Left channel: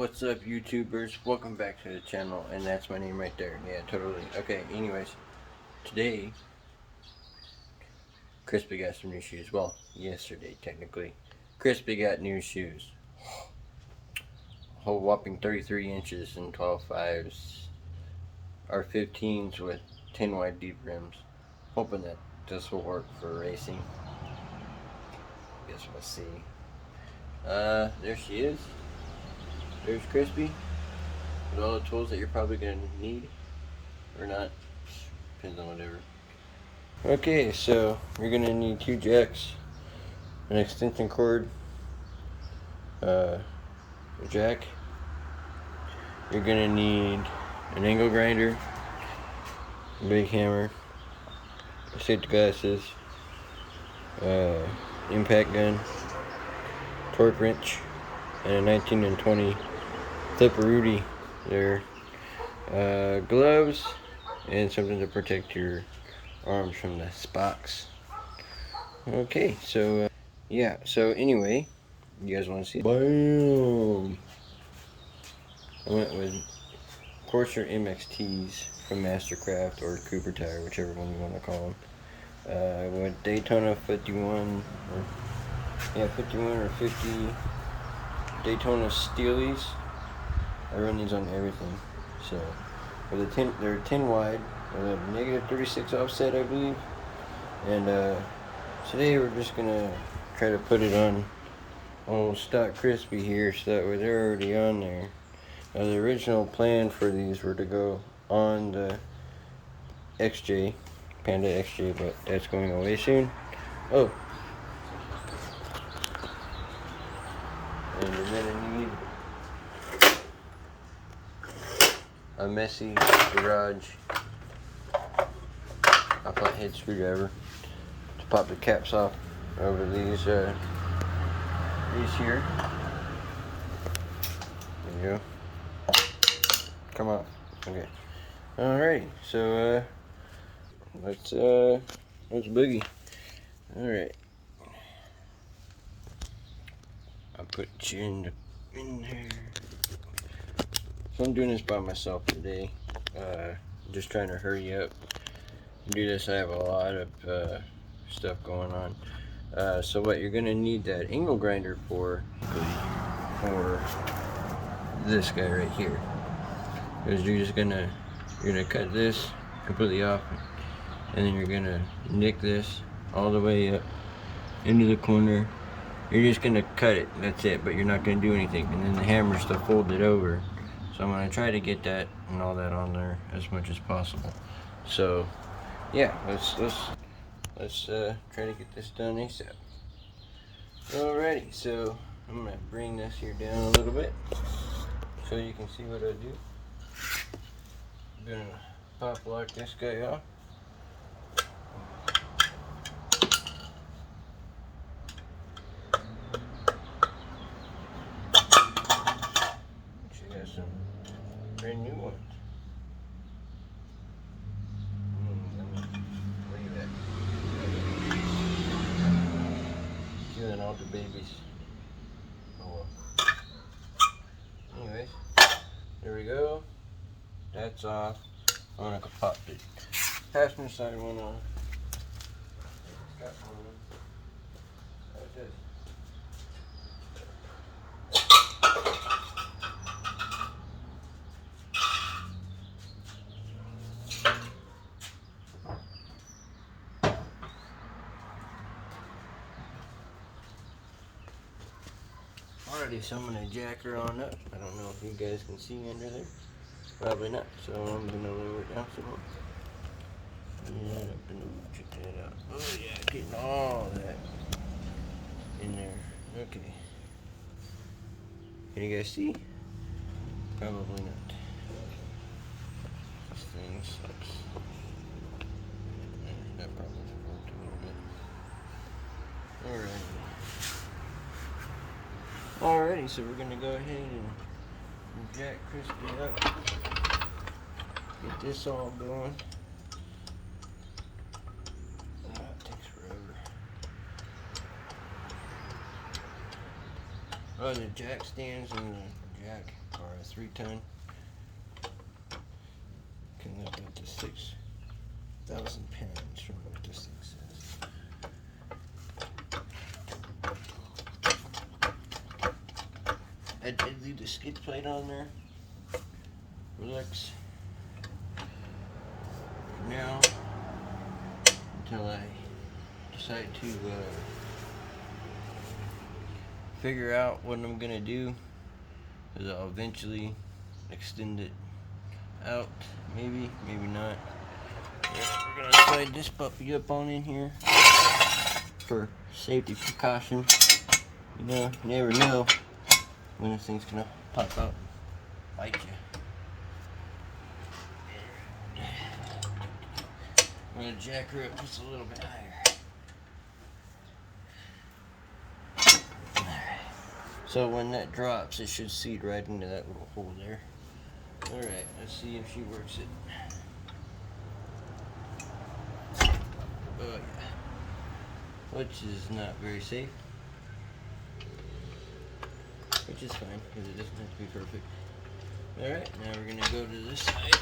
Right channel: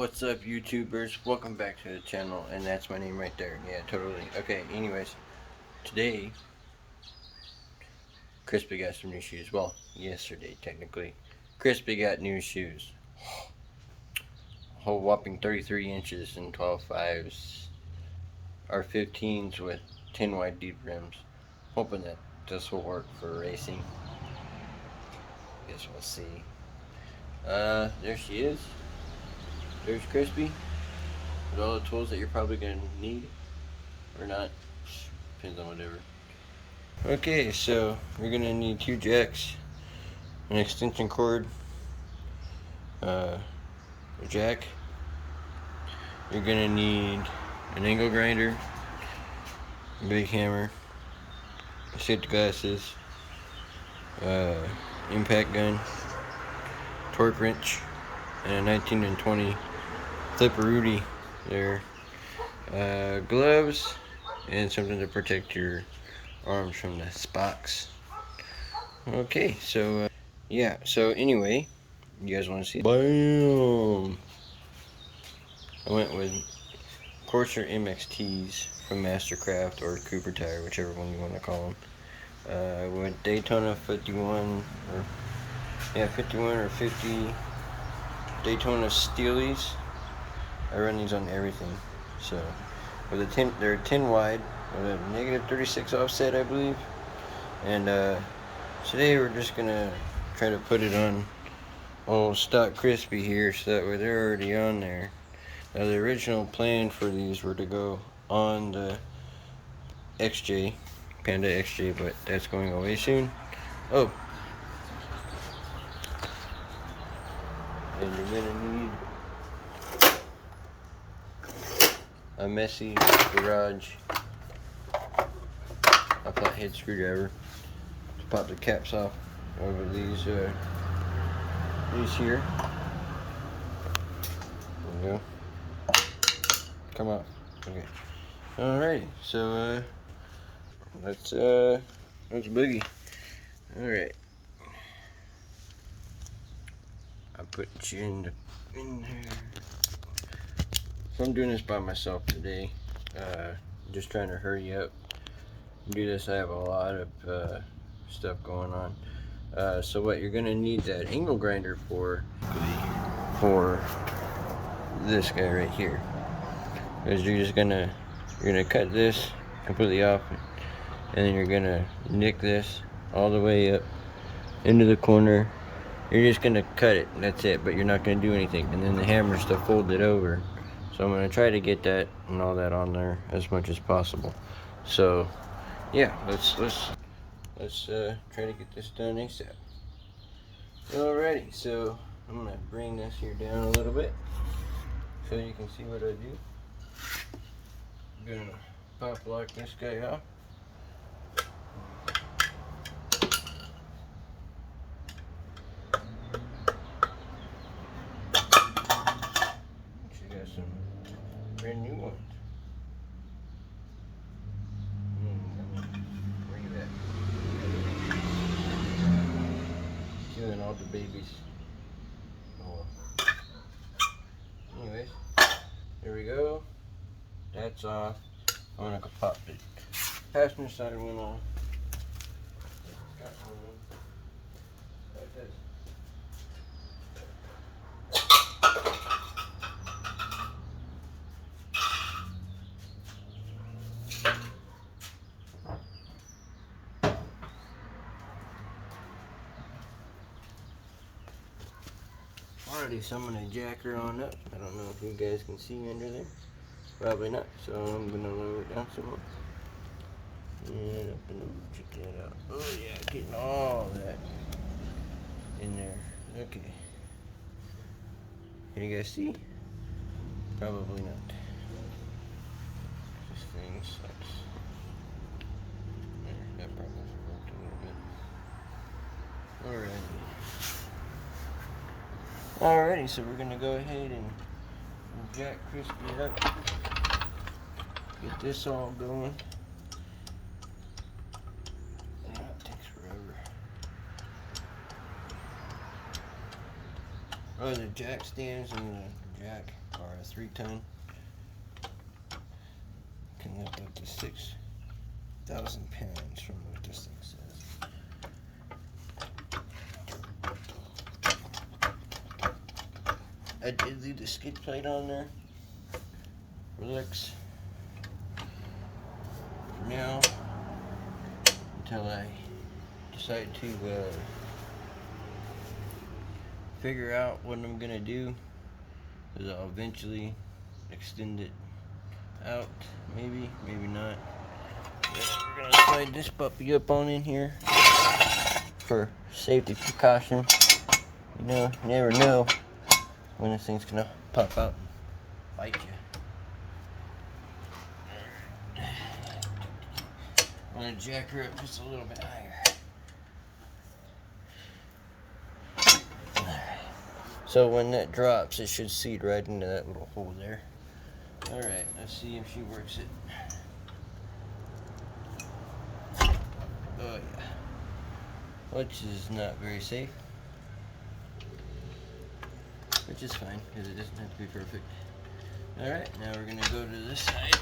What's up, YouTubers? Welcome back to the channel, and that's my name right there. Yeah, totally. Okay, anyways, today, Crispy got some new shoes. Well, yesterday, technically. Crispy got new shoes. A whole whopping 33 inches and 12 fives, or 15s with 10 wide deep rims. Hoping that this will work for racing. Guess we'll see. There she is. There's Crispy. With all the tools that you're probably going to need. Or not. Depends on whatever. Okay, so you're going to need 2 jacks, an extension cord, a jack. You're going to need an angle grinder, a big hammer, safety glasses, impact gun, torque wrench, and a 19 and 20 Clipperoonie there. Gloves, and something to protect your arms from the spocks. Okay, so yeah, so anyway, you guys want to see? Bam! I went with Corsair MXTs from Mastercraft or Cooper Tire, whichever one you want to call them. With Daytona 51 or 50 Daytona Steelies. I run these on everything. So with a 10, they're 10 wide with a negative 36 offset, I believe. And today we're just gonna try to put it on old stock Crispy here, so that way they're already on there. Now the original plan for these were to go on the XJ, Panda XJ, but that's going away soon. Oh, and you're gonna need a messy garage, a flathead screwdriver to pop the caps off over these here. There we go. Come on. Okay. Alrighty. So let's boogie. Alright. I put you in there. So I'm doing this by myself today. Just trying to hurry up and do this. I have a lot of stuff going on. So what you're gonna need that angle grinder for this guy right here, because you're gonna cut this completely off, and then you're gonna nick this all the way up into the corner. You're just gonna cut it, that's it, but you're not gonna do anything. And then the hammer's to fold it over. So I'm gonna try to get that and all that on there as much as possible. So yeah, let's try to get this done ASAP. Alrighty, so I'm gonna bring this here down a little bit so you can see what I do. I'm gonna pop lock this guy off. Actually got some brand new ones. Look at that. Doing all the babies. Oh. Anyways, there we go. That's off. I'm gonna go pop the passenger side one on. Got one like this. Alrighty, so I'm gonna jack her on up. I don't know if you guys can see under there. Probably not, so I'm gonna lower it down some more. Yeah, check that out. Oh yeah, getting all that in there. Okay. Can you guys see? Probably not. This thing sucks. That probably worked a little bit. Alrighty, so we're gonna go ahead and jack Crispy up. Get this all going. Yeah, it takes forever. Oh, the jack stands and the jack 3-ton. Coming up to 6,000 pounds from what this thing says. I did leave the skid plate on there. Relax. For now, until I decide to figure out what I'm gonna do, is I'll eventually extend it out, maybe not. We're gonna slide this puppy up on in here for safety precaution. You know, you never know when this thing's gonna pop out and bite you. I'm gonna jack her up just a little bit higher. Alright. So when that drops, it should seat right into that little hole there. Alright, let's see if she works it. Oh yeah. Which is not very safe. Which is fine, because it doesn't have to be perfect. Alright, now we're gonna go to this side.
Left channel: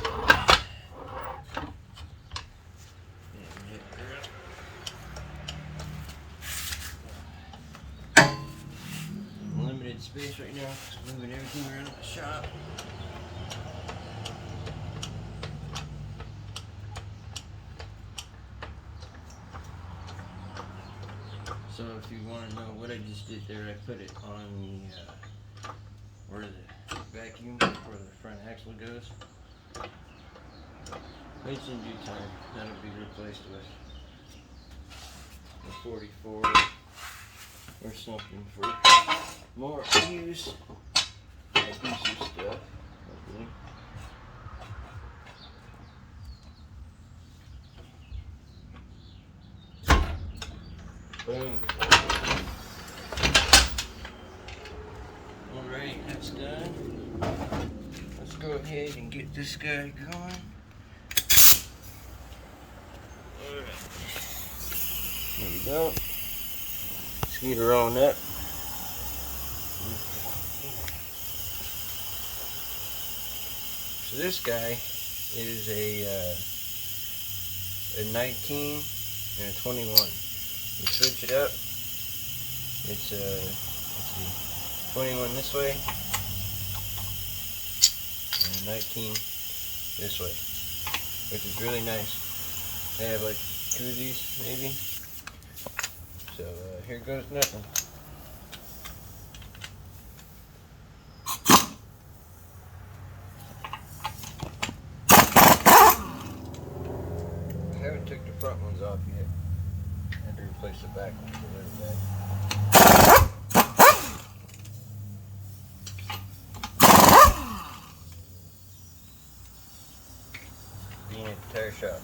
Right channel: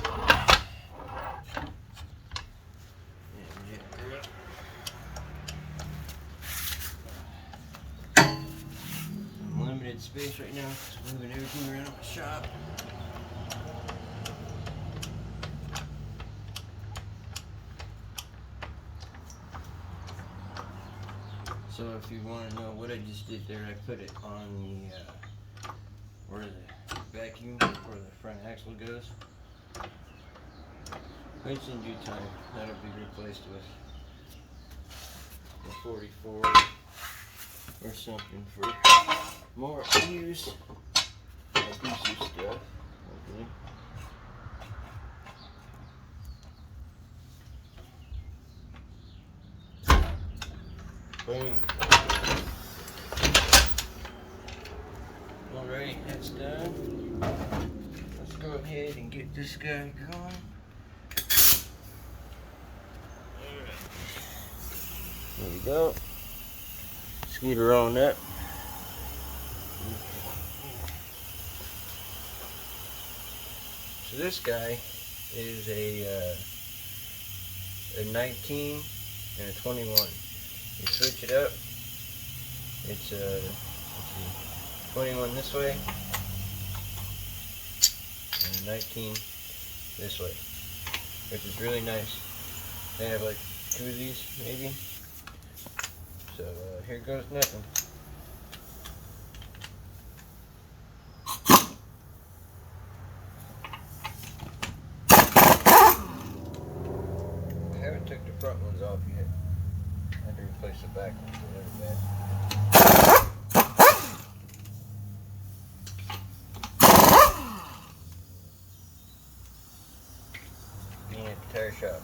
Limited space right now, moving everything around the shop. So if you want to know what I just did there, I put it on the where the vacuum, where the front axle goes. Which in due time, that'll be replaced with a 44 or something for more use. I'll do some stuff, hopefully. Boom. Alright, that's done. Let's go ahead and get this guy going. Alright. There we go. Scoot her on up. So this guy is a 19 and a 21. You switch it up. It's let's see, 21 this way and 19 this way, which is really nice. They have like two of these maybe. So here goes nothing. I haven't took the front ones off yet. I had to replace the back ones a little bit. Being at the tire shop.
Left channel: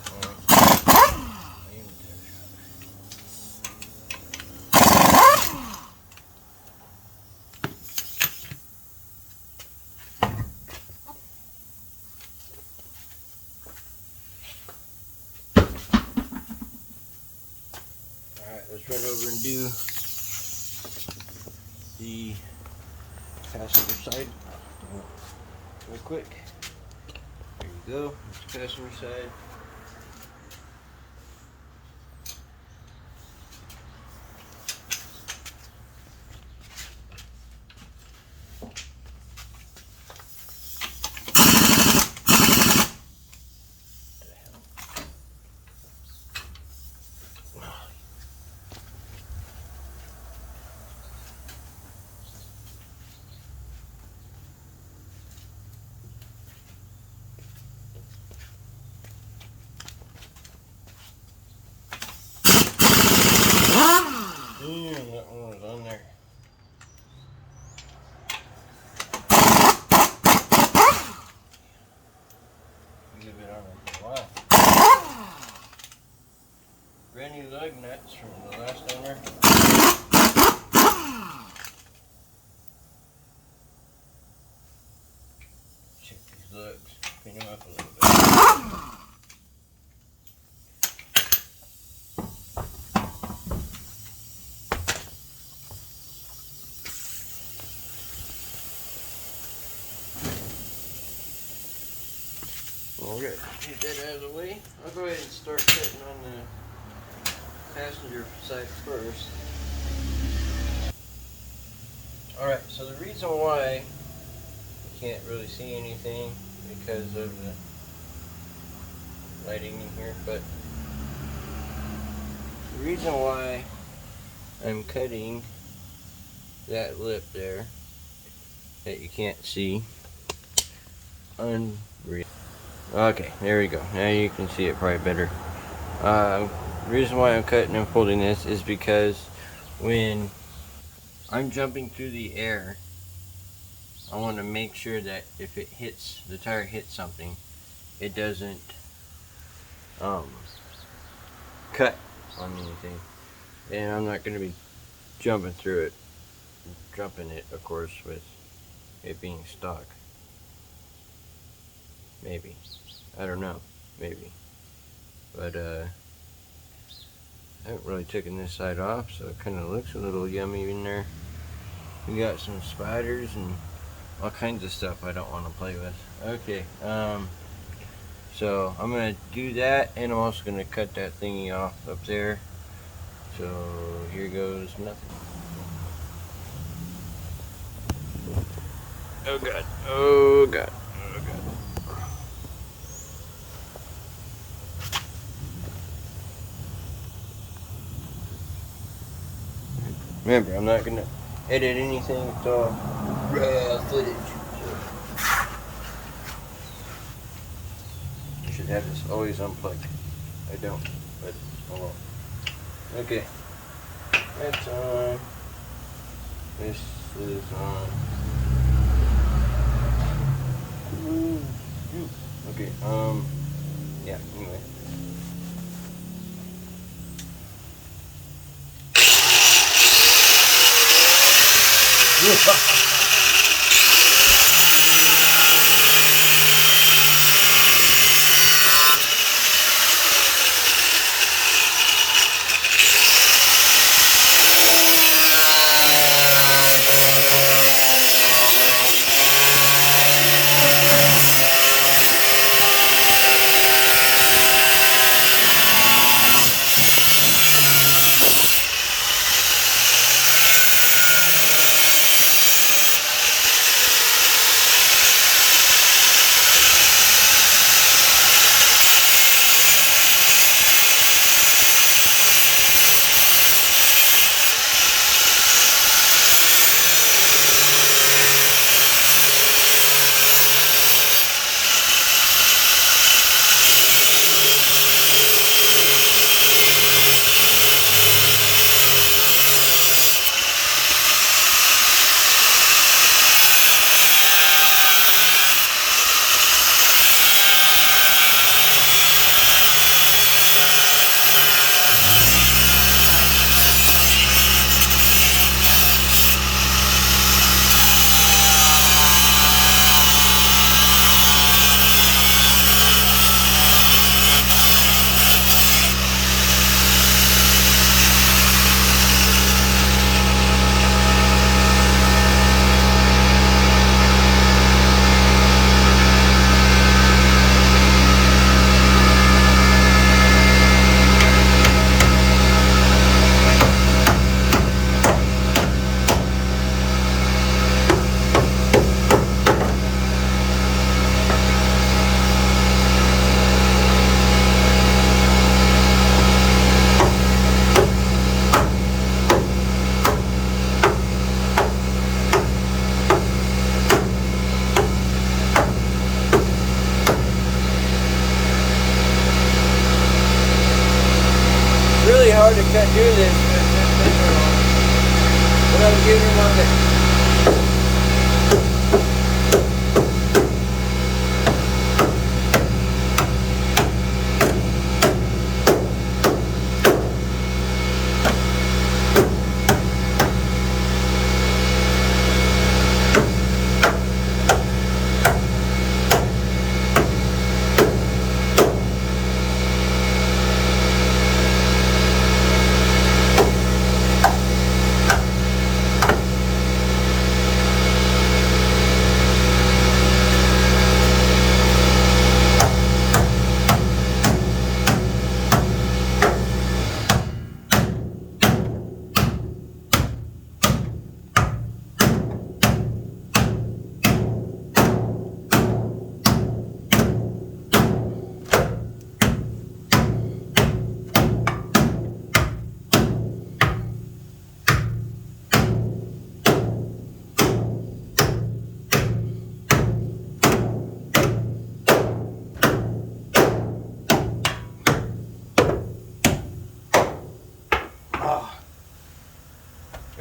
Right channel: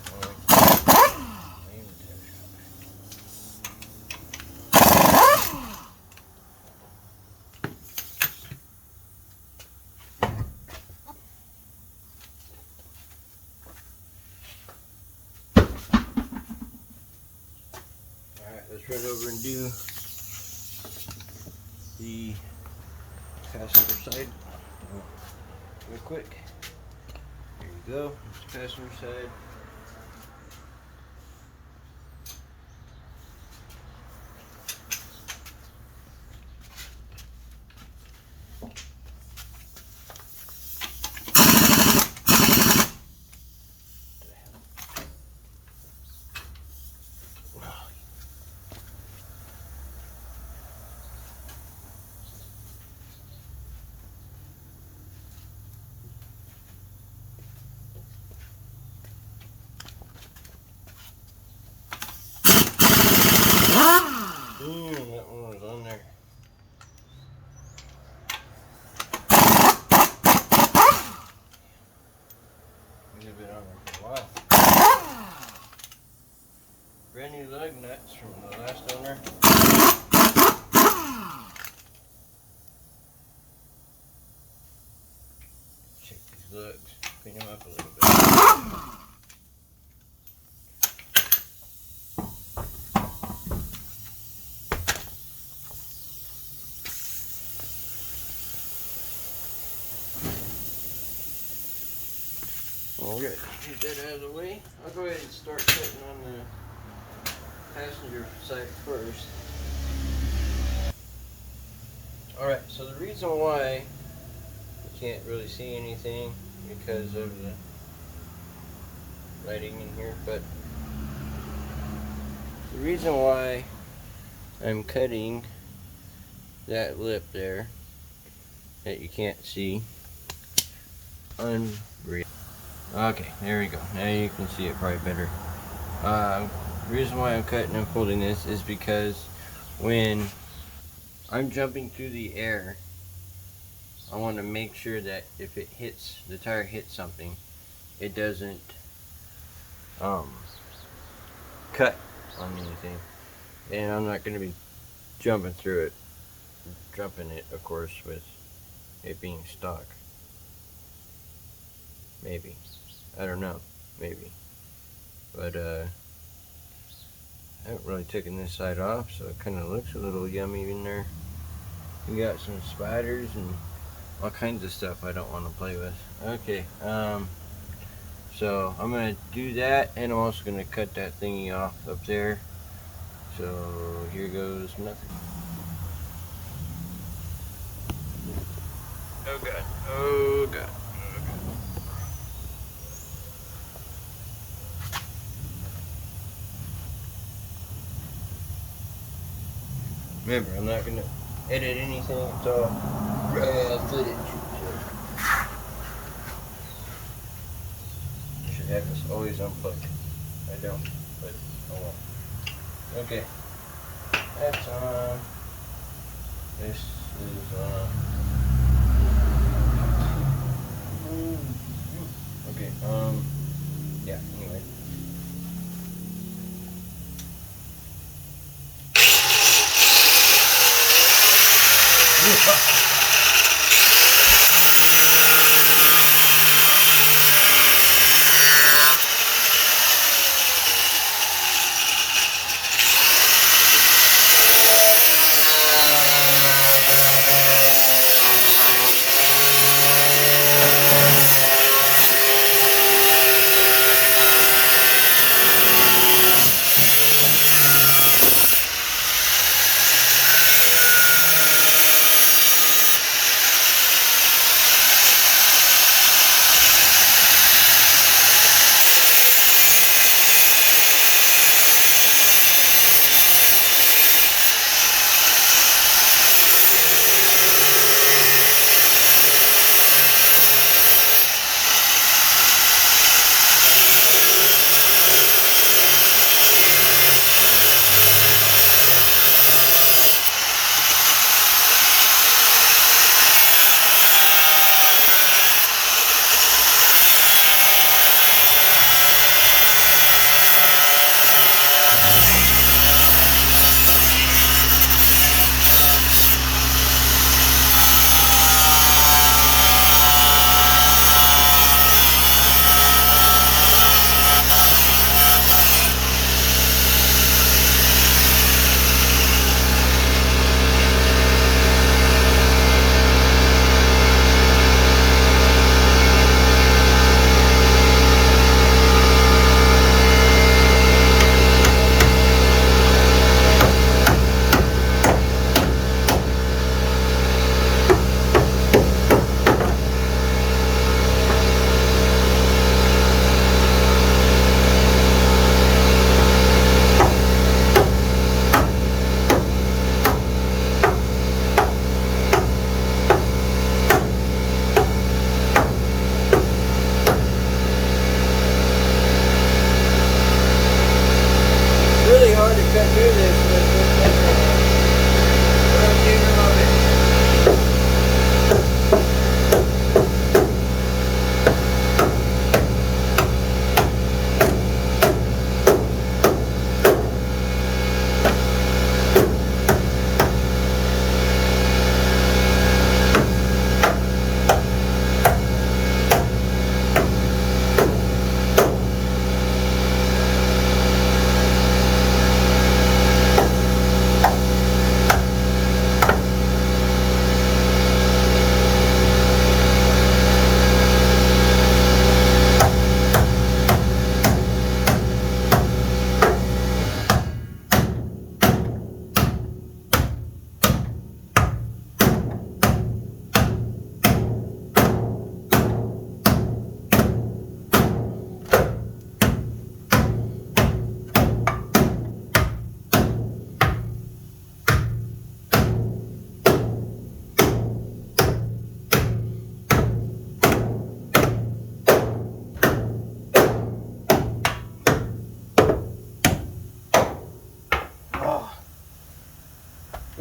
Let's run over and do the passenger side real quick. There you go, that's the passenger side. That one was on there. Leave it on there for a while. Brand new lug nuts from the last owner. Check these lugs, clean them up a little bit. Alright, get that out of the way. I'll go ahead and start cutting on the passenger side first. Alright, so the reason why you can't really see anything because of the lighting in here, but the reason why I'm cutting that lip there that you can't see, unreal. Okay, there we go. Now you can see it probably better. The reason why I'm cutting and folding this is because when I'm jumping through the air, I want to make sure that if it hits, the tire hits something, it doesn't cut on anything. And I'm not going to be jumping through it, jumping it of course with it being stock. Maybe. I don't know. Maybe. But I haven't really taken this side off, so it kind of looks a little yummy in there. We got some spiders and all kinds of stuff I don't want to play with. Okay, so I'm going to do that, and I'm also going to cut that thingy off up there. So here goes nothing. Oh god, oh god. Remember, I'm not going to edit anything, it's all raw footage. So I should have this always unplugged. I don't, but oh well. Okay, that's on. This is on. Okay, yeah, anyway. Hard to cut through this with this sticker on, but I'm getting my best.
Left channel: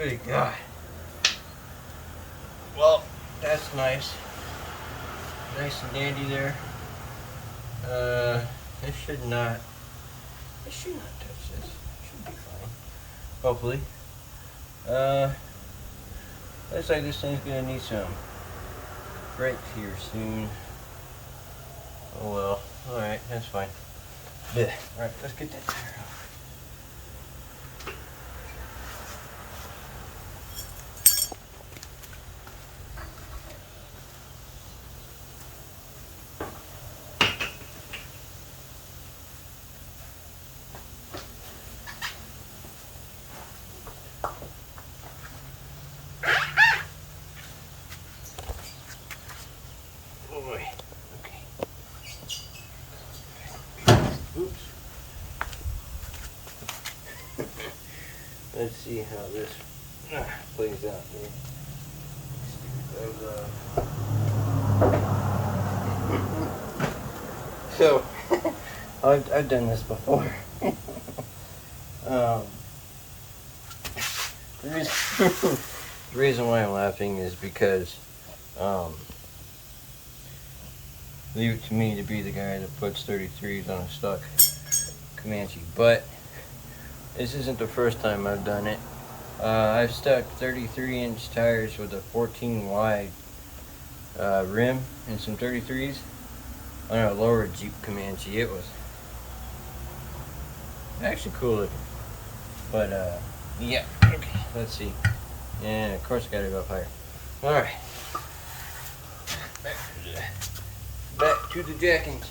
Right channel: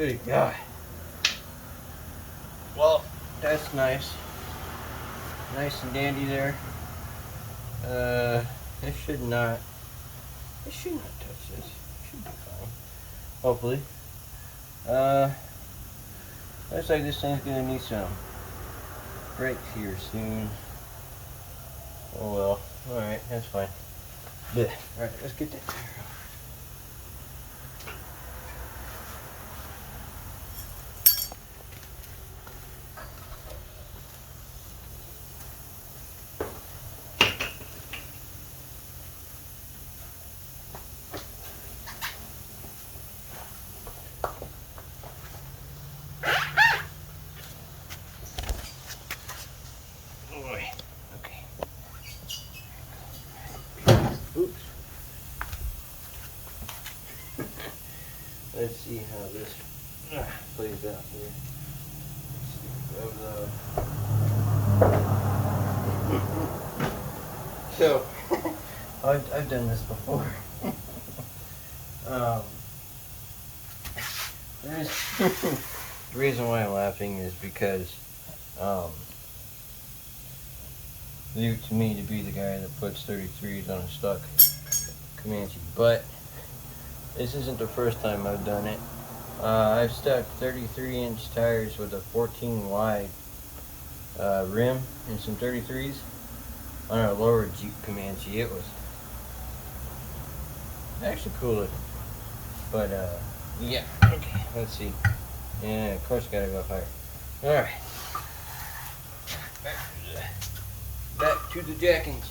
Good God. Well, that's nice. Nice and dandy there. It should not touch this. It should be fine. Hopefully. Looks like this thing's gonna need some brakes here soon. Oh well. Alright, that's fine. Yeah. Alright, let's get that tire off. Boy. Okay. Oops. Let's see how this plays out here. So, I've done this before. The reason why I'm laughing is because leave it to me to be the guy that puts 33s on a stock Comanche, but this isn't the first time I've done it. I've stuck 33-inch tires with a 14 wide rim and some 33s on a lower Jeep Comanche. It was actually cool looking, but yeah. Okay, let's see. Yeah, of course, gotta go higher. All right, back to the jackings.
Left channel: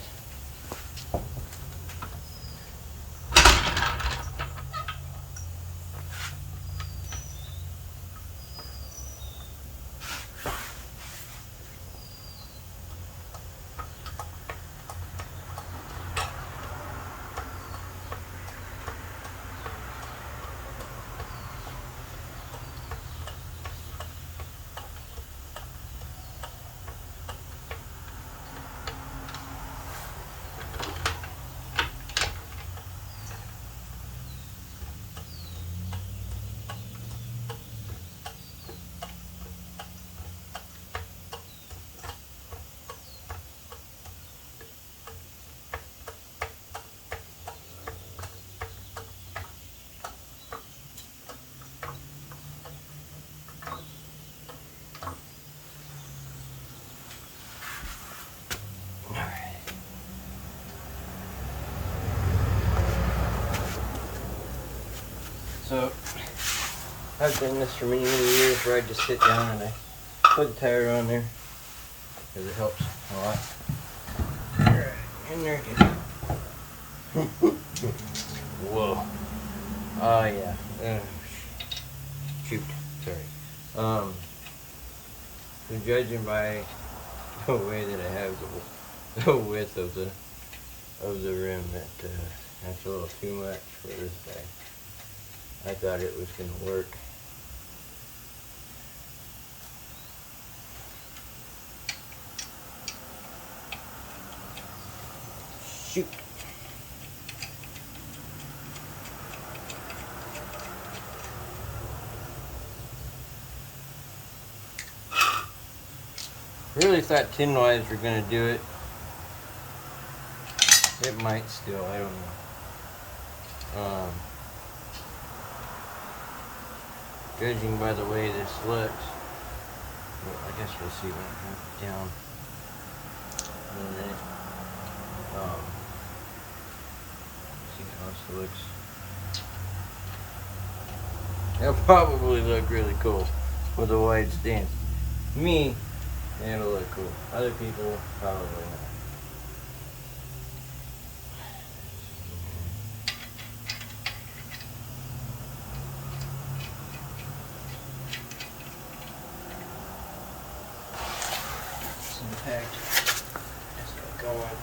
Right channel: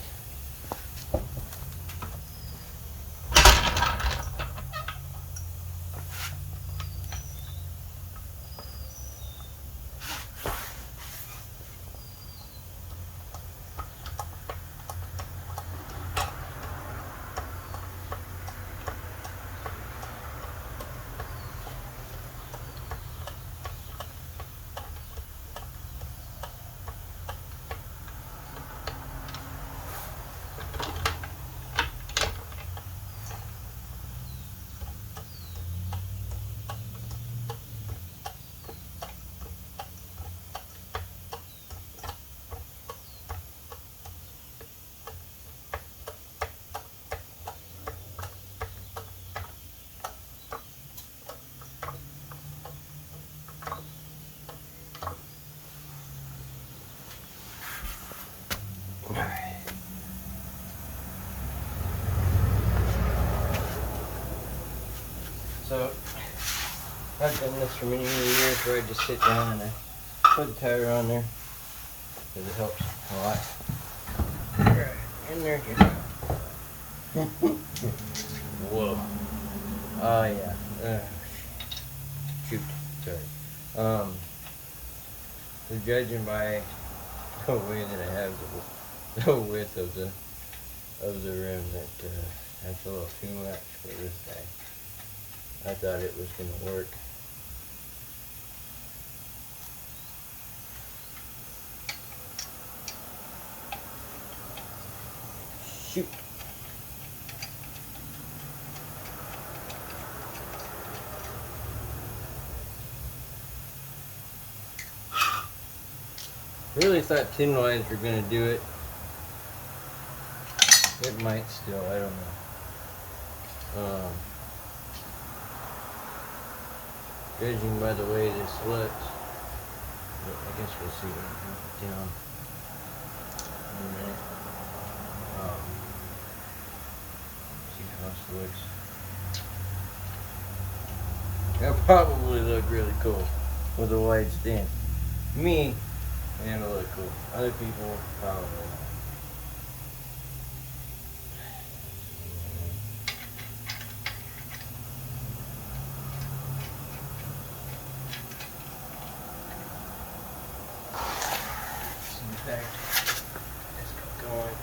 So, I've done this for many, many years where I just sit down and I put the tire on there because it helps a lot. Alright, in there it goes. Whoa. Oh yeah. Shoot. Sorry. So judging by the way that I have the width of the rim, that's a little too much for this guy. I thought it was going to work. Shoot. Really thought tin wise were going to do it. It might still, I don't know. Judging by the way this looks, well, I guess we'll see when I have it down in a minute. See how this looks. It'll probably look really cool with a wide stance. Me, it'll look cool. Other people, probably not. Let's get going.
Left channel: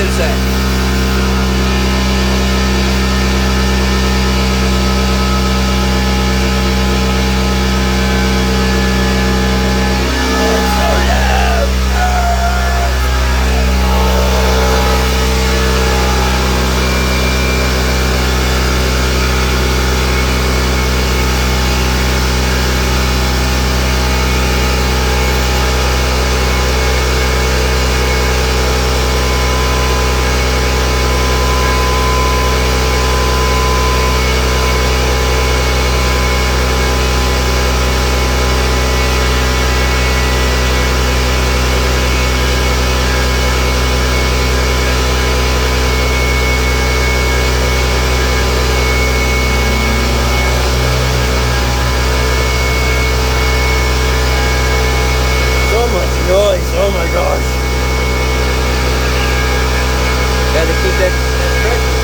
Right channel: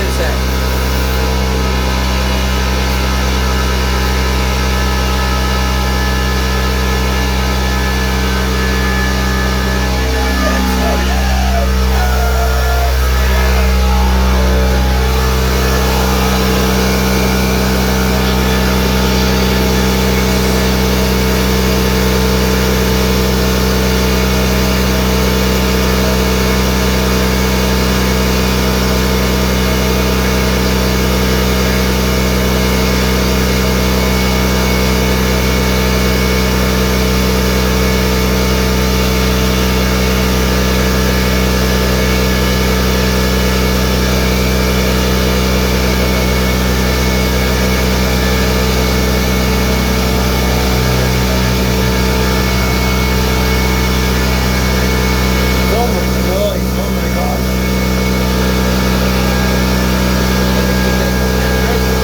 the other side. So much noise, oh my gosh. Had to put that pressure.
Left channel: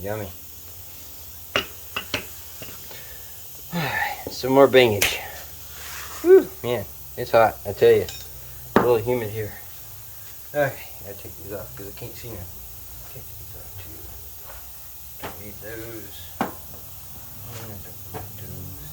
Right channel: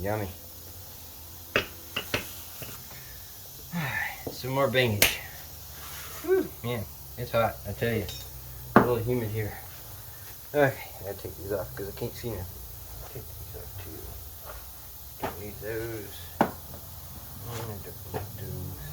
Yummy. Some more banging. Whew, man, it's hot, I tell you. A little humid here. Okay, I gotta take these off because I can't see them. Take these off too. Don't need those. And I don't need those.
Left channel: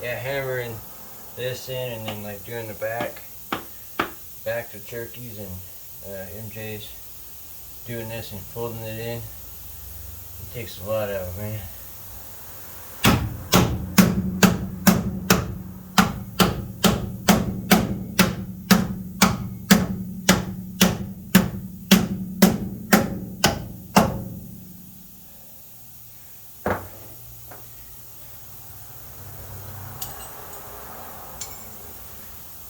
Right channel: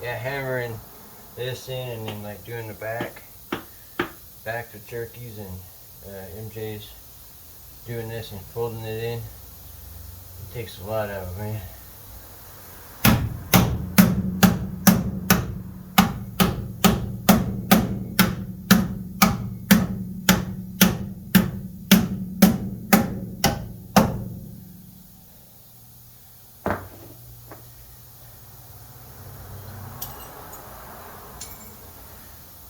Yeah, hammering this in and then like doing the back to Cherokees and MJ's, doing this and folding it in. It takes a lot out of it, man.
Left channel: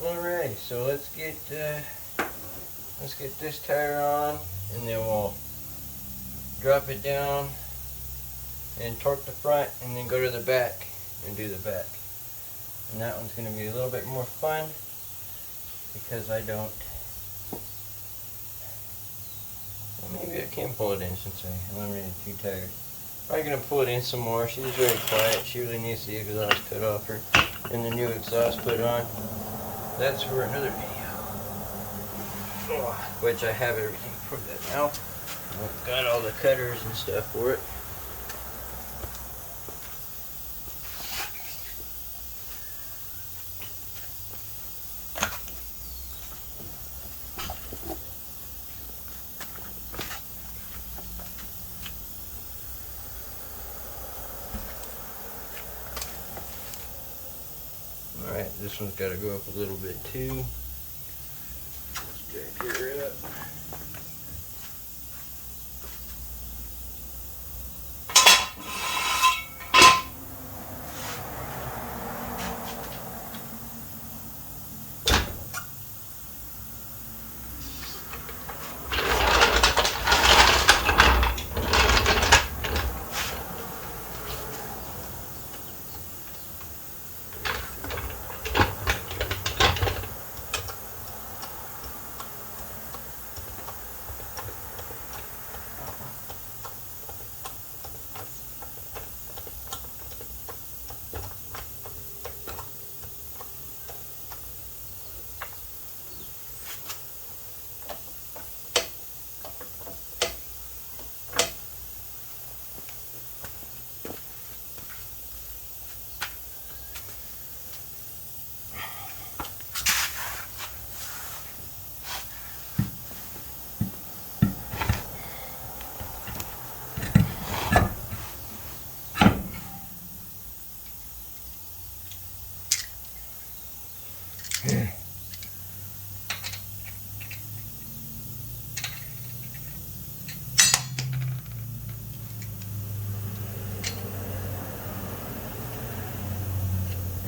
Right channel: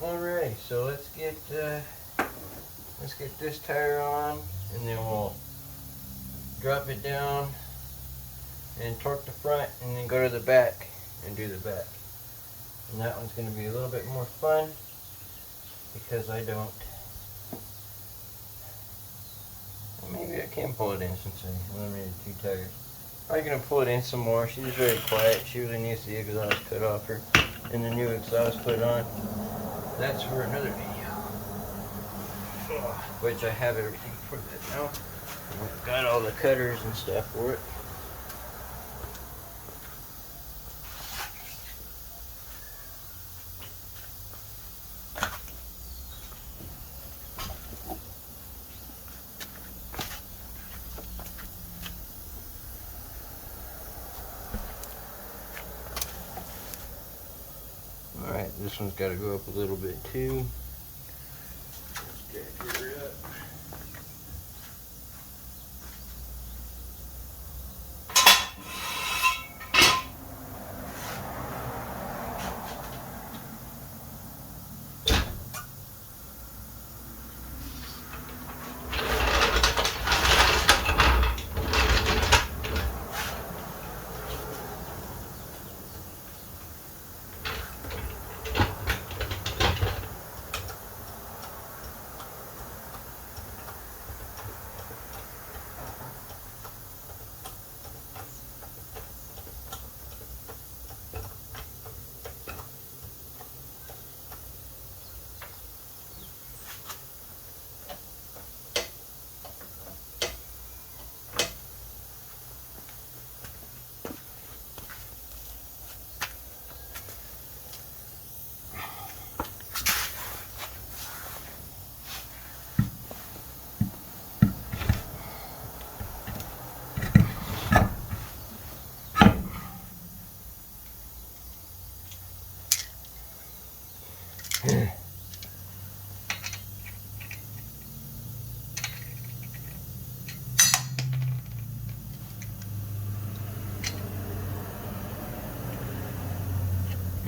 Alright, so let's get this tire on, and then we'll drop it down and torque the front, and then go to the back. and do the back. And that one's going to be a little bit more fun because I don't. Well, maybe I can pull it in since I eliminated 2 tires. I'm going to pull it in some more. She's very quiet. She really needs the exhaust cut off her and the new exhaust put on. That's for another video, which I have everything for that now. I've got all the cutters and stuff for it. Alright, this one's got to go up a little bit too. Let's jack her up.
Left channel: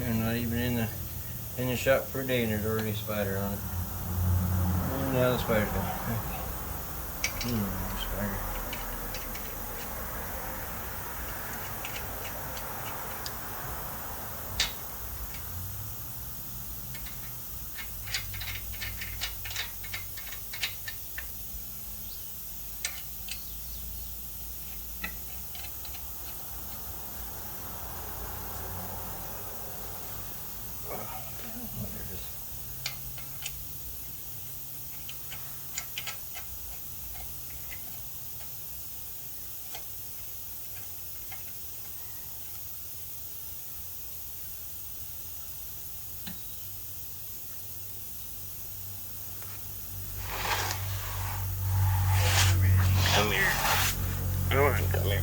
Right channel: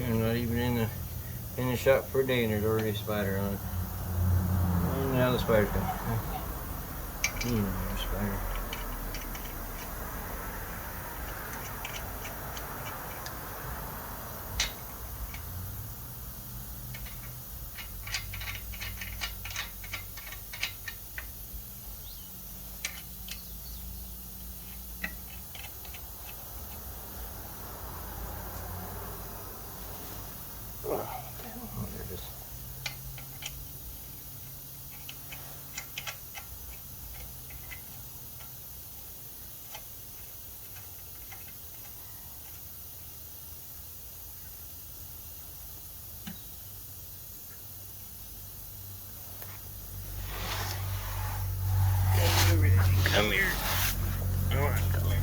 I'm not even in the shop for a day and there's already a spider on it. And now the spider's gone. More spider. Come here. Come on, come here.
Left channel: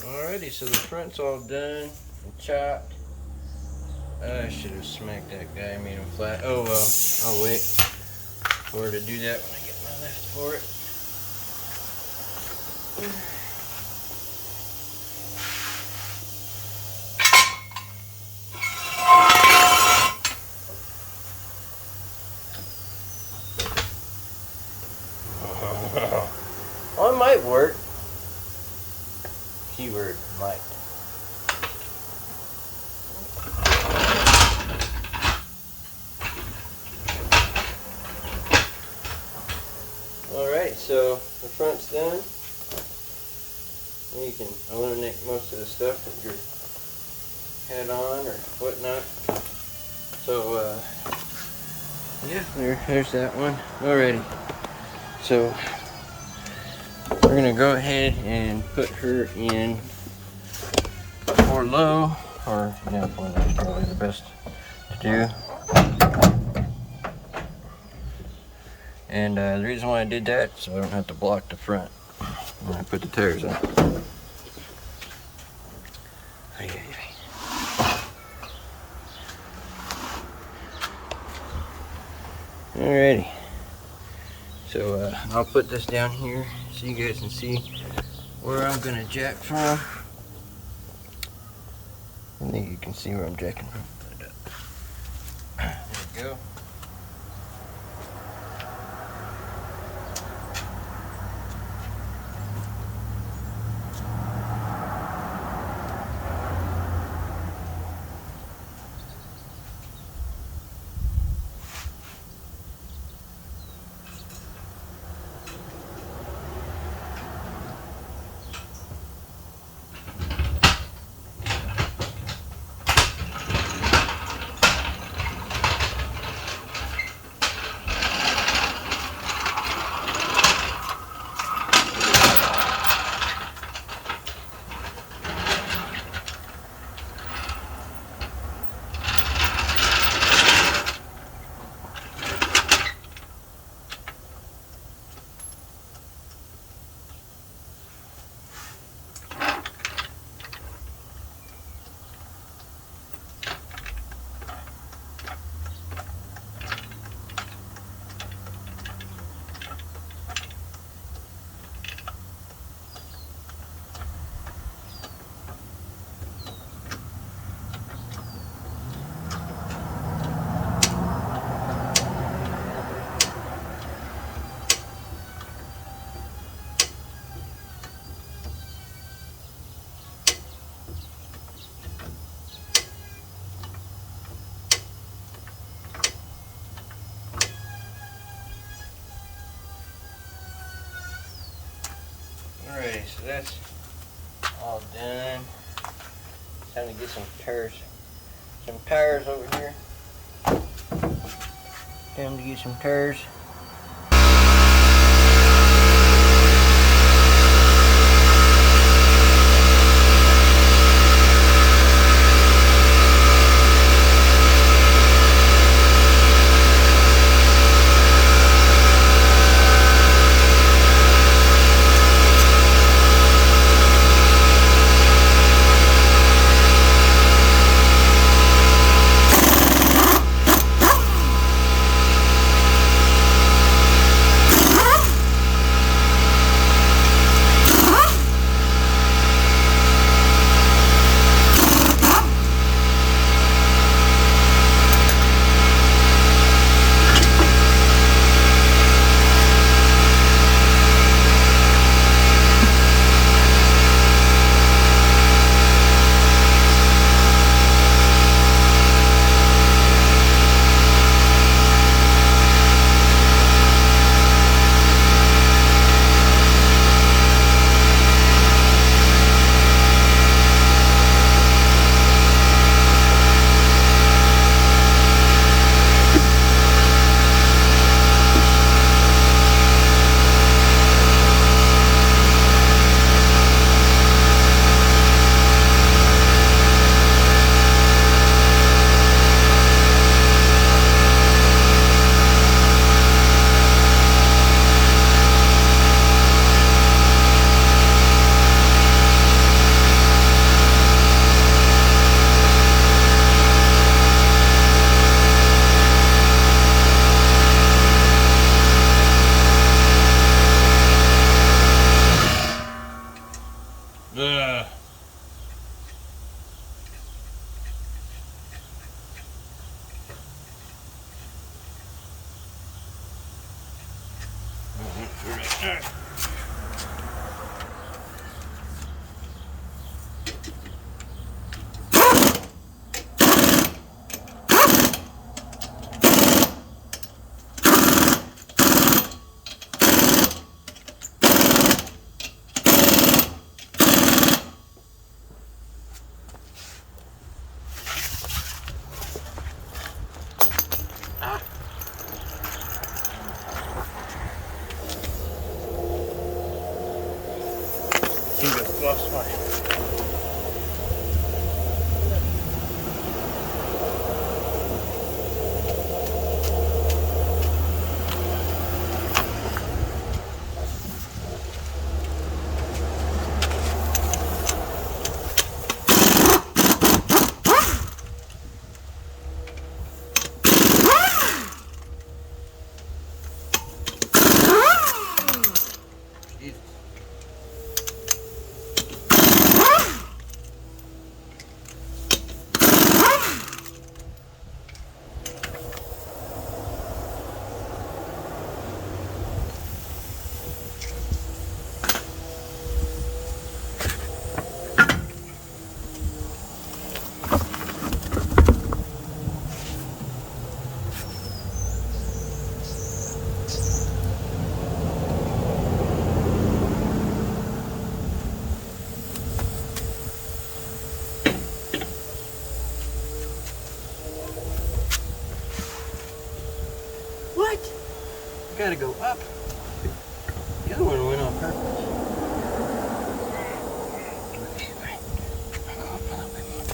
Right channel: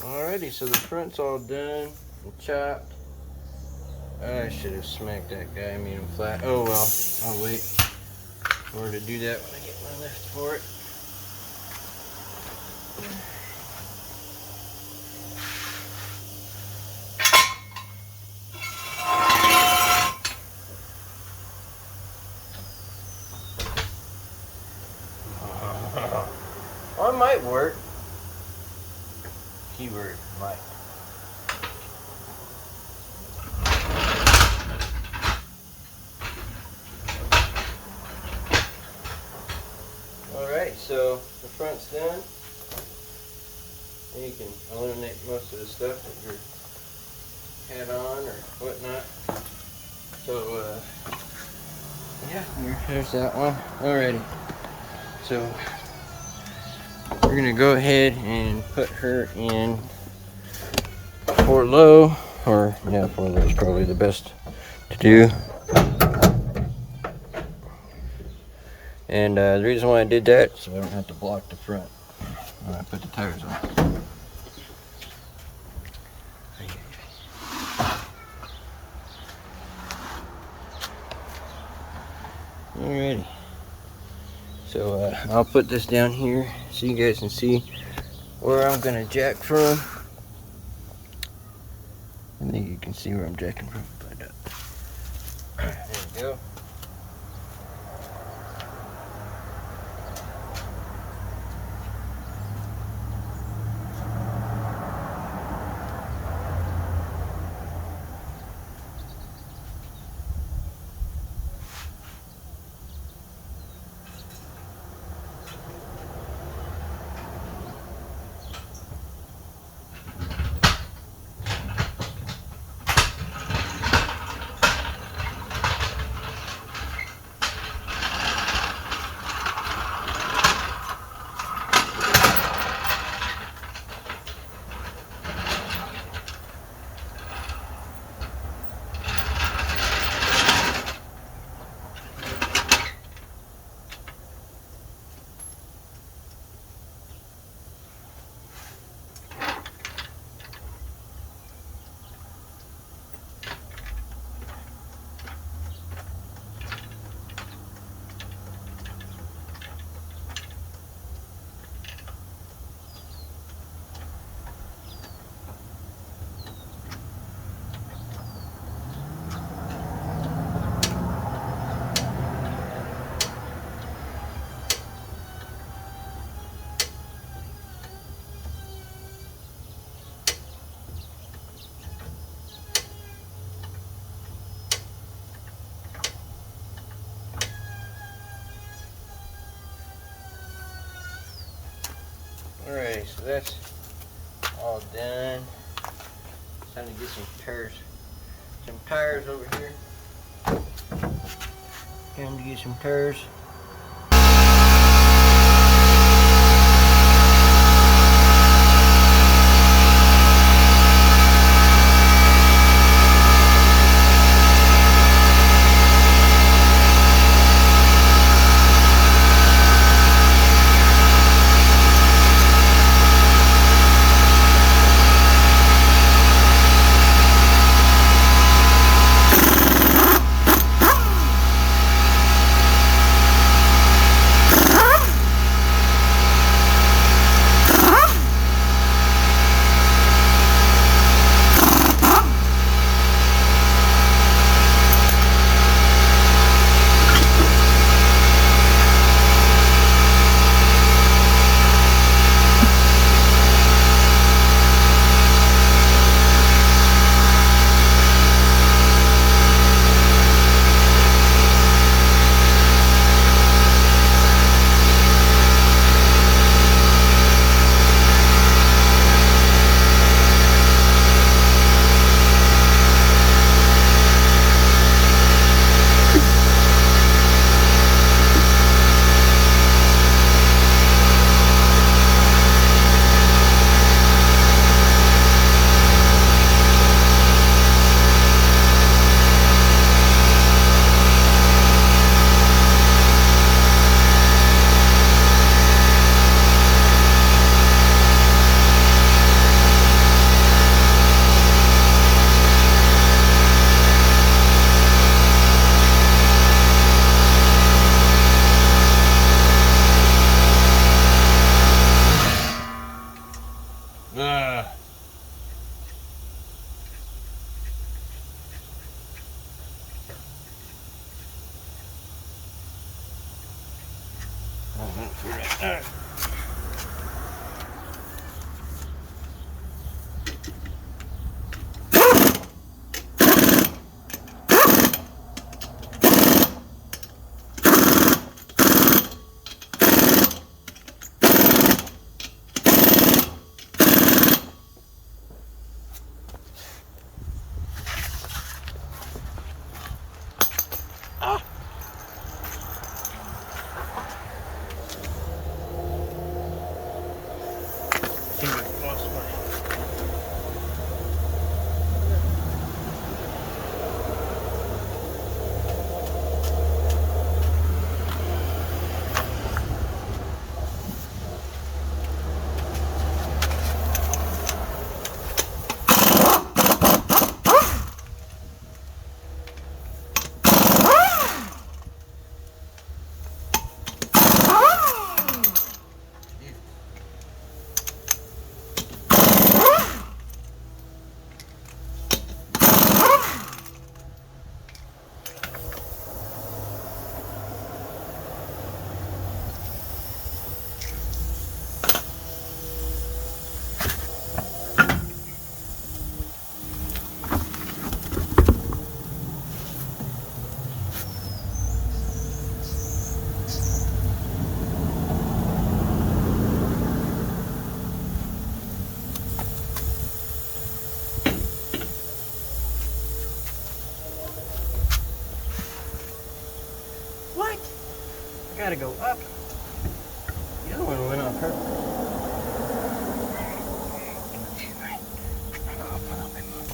Alrighty, so the front's all done and chopped. I should have smacked that guy, made him flat. Oh well, I'll wait for her to do that when I get my lift for it. Well, it might work. Keyword might. Alright, so the front's done. And you can eliminate most of the stuff that you had on or whatnot. So, yeah, there's that one. Alrighty. So, we're going to go ahead and put her in 4 low, or yeah, 4 low is probably the best to do. And the reason why I did that, so I don't have to block the front when I put the tires on. Alrighty. So I'll put this down here so you guys can see where I'm gonna jack from. I think you can see where I'm jacking from. But, there we go. Alright, so that's all done. Time to get some tires over here. Time to get some tires. Alright. Seem to have lost my gotta go up. The other one went on purpose. I'll put up in more.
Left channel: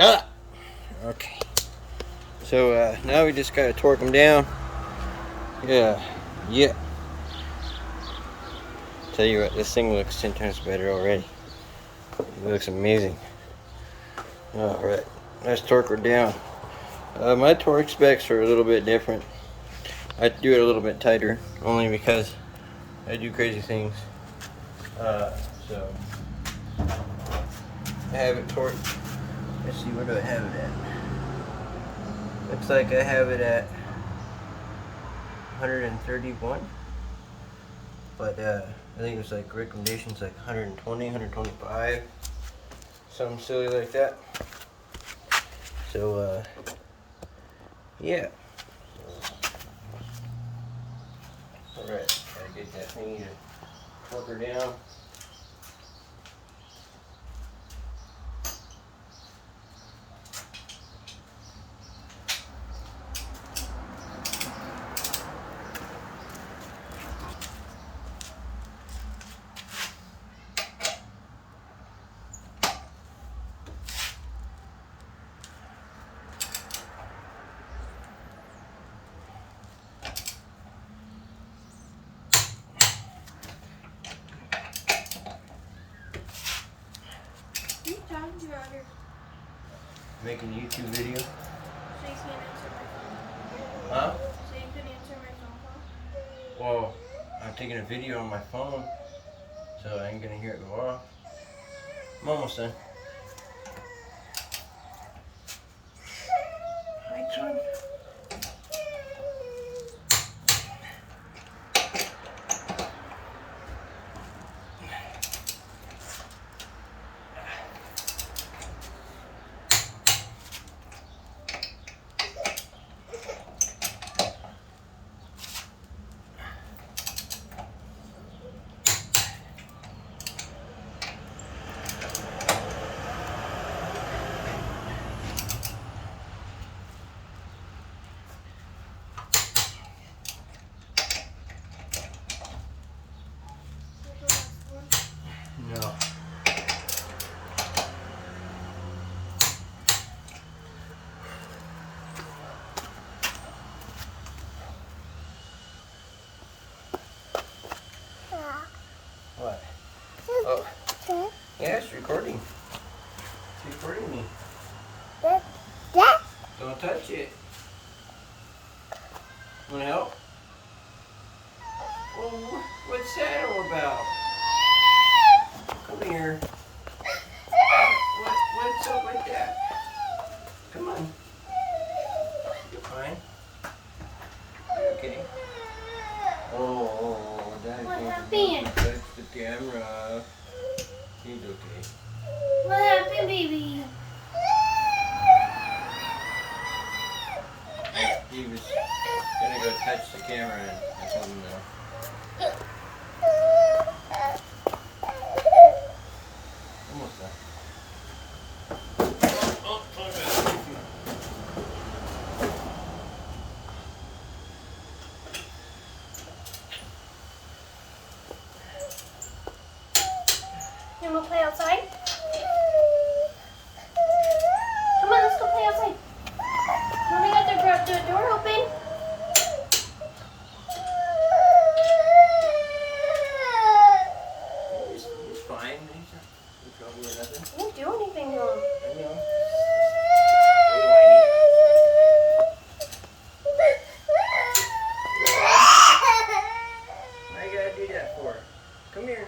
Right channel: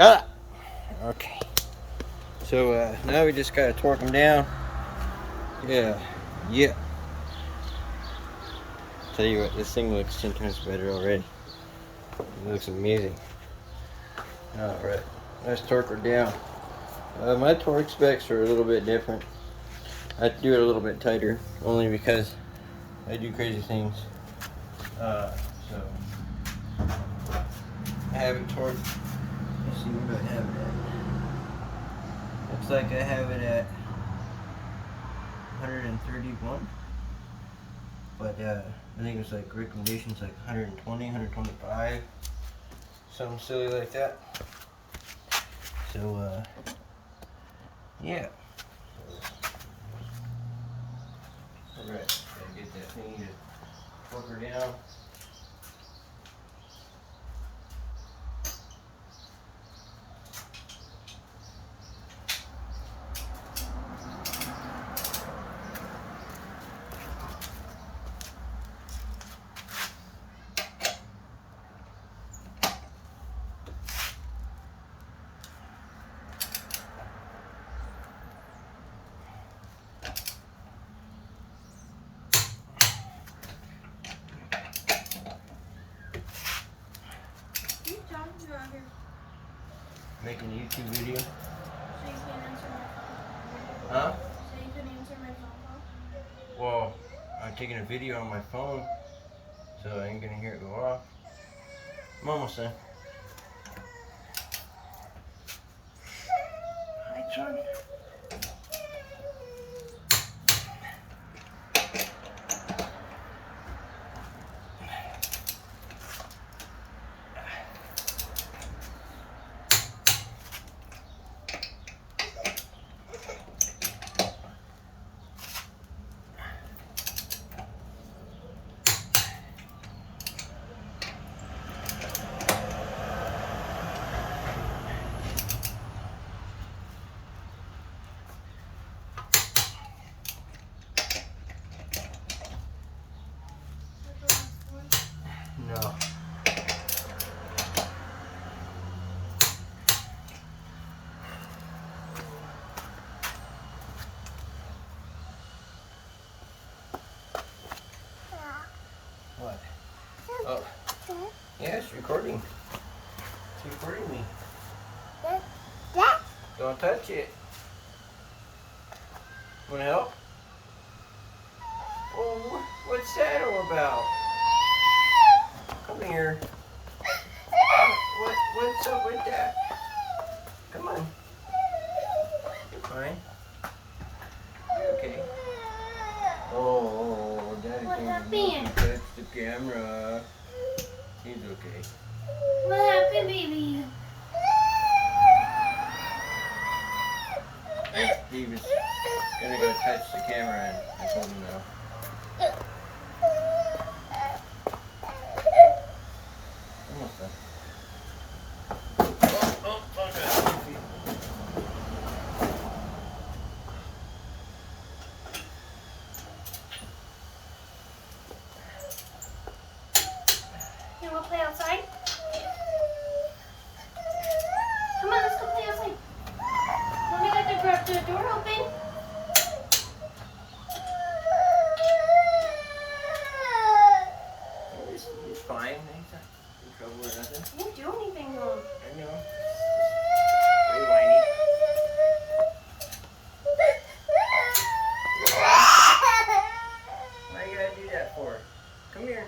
Ah! Okay. So now we just gotta torque them down. Yeah. Tell you what, this thing looks 10 times better already. It looks amazing. Alright, let's torque her down. My torque specs are a little bit different. I do it a little bit tighter, only because I do crazy things. So I have it torqued. Let's see, where do I have it at? Looks like I have it at 131. But I think it's like recommendations like 120, 125. Something silly like that. So yeah. Alright, gotta get that thing to torque her down. Making a YouTube video. So you can't answer my phone. Huh? So you can answer my phone. Well, I'm taking a video on my phone, so I ain't gonna hear it go off. I'm almost done. Hi, son. recording. It's recording me. Don't touch it. Want to help? Oh, what's that all about? Come here. What's up with that? Come on. You're fine. You're okay. Oh, Daddy thinks he touched the camera. He's okay. What happened, baby? He was gonna go touch the camera and I told him no. Almost done. Oh, God. You wanna play outside? Come on, let's go play outside. Mommy got the door open. He's fine. He's not in trouble or nothing. I didn't do anything wrong. I know. Very whiny. Why you gotta do that for? Come here.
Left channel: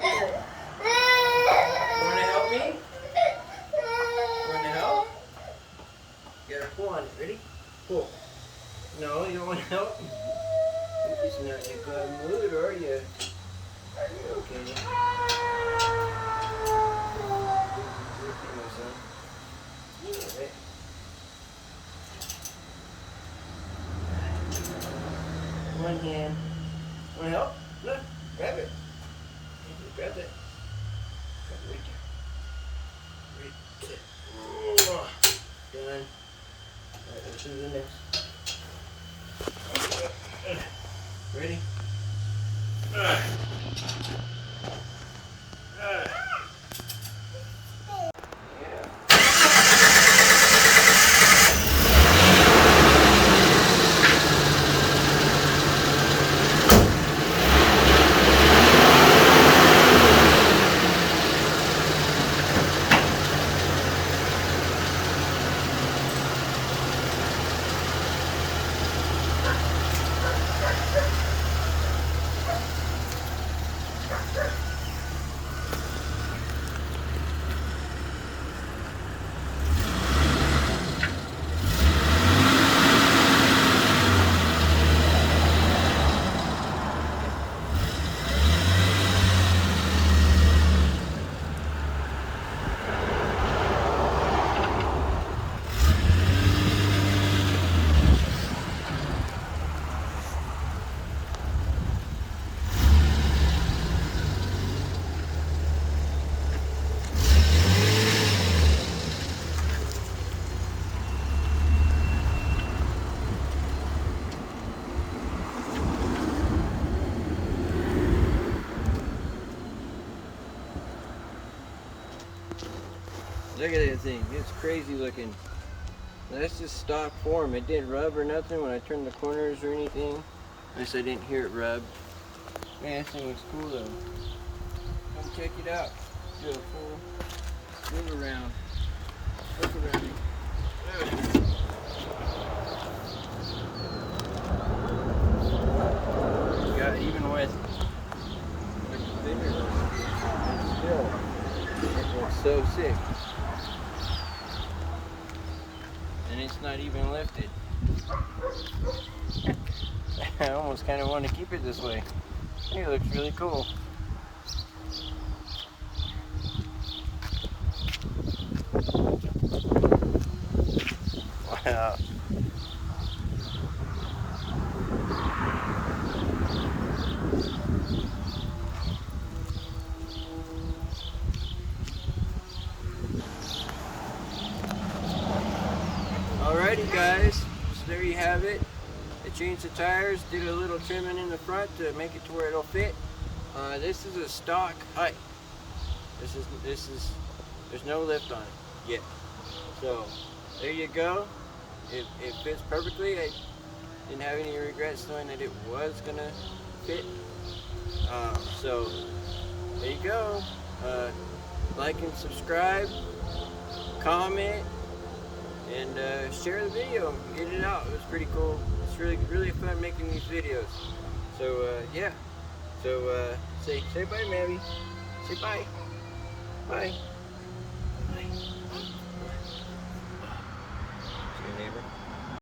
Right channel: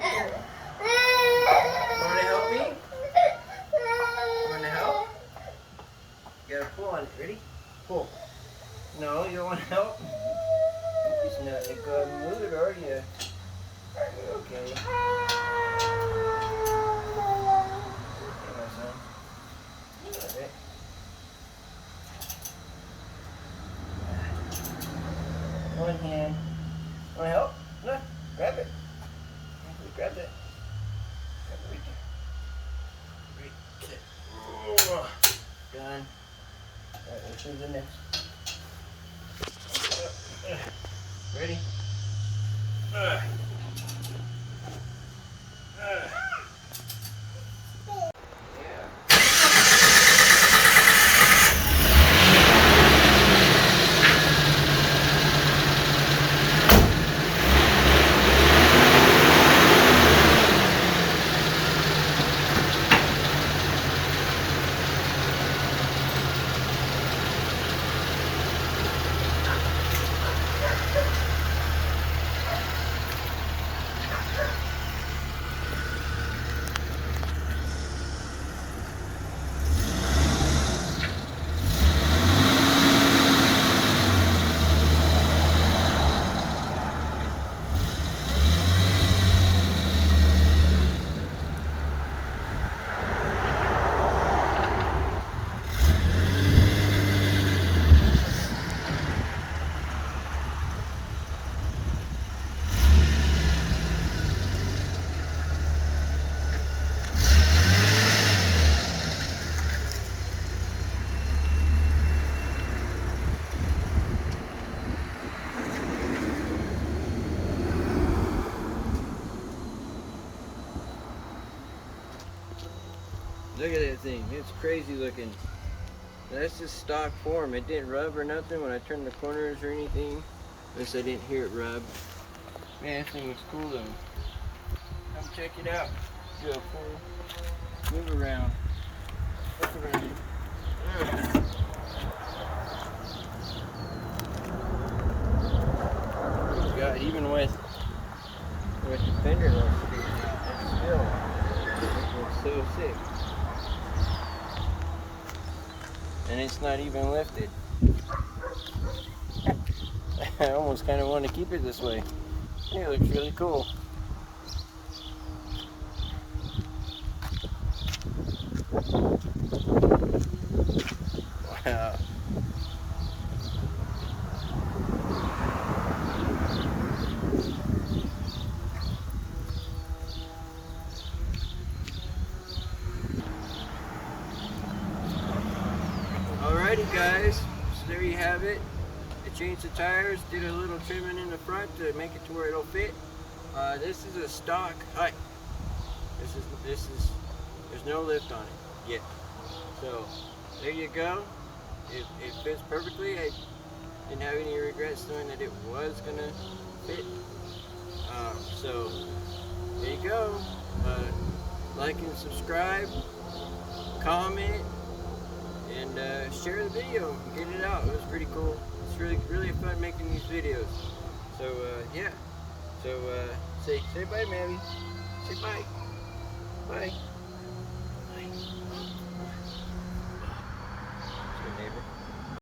Come here. You wanna help me? You wanna help? You gotta pull on it. Ready? Pull. No, you don't want to help? You're just not in a good mood, are you? You're okay. You're okay, my son. You're alright. One hand. Want to help? Look, grab it. Okay, grab that. Grab it right there. Right there. Done. Alright, let's do the next. Ready? Look at that thing. It's crazy looking. That's just stock form. It didn't rub or nothing when I turned the corners or anything. At least I didn't hear it rub. Man, that thing was cool though. Come check it out. Do a full move around. Look around. Yeah, even with the fender looks sticking out, it's still, it looks so sick. And it's not even lifted. I almost kind of want to keep it this way. It looks really cool. Wow. Alrighty guys, so there you have it. I changed the tires, did a little trimming in the front to make it to where it'll fit. This is a stock height. This is there's no lift on it yet. So there you go. It fits perfectly. I didn't have any regrets knowing that it was gonna fit. So there you go. like and subscribe, comment, and share the video. Get it out. It was pretty cool. It's really fun making these videos. So yeah. So say bye, Mabby. Say bye. Bye. Bye. See you, neighbor.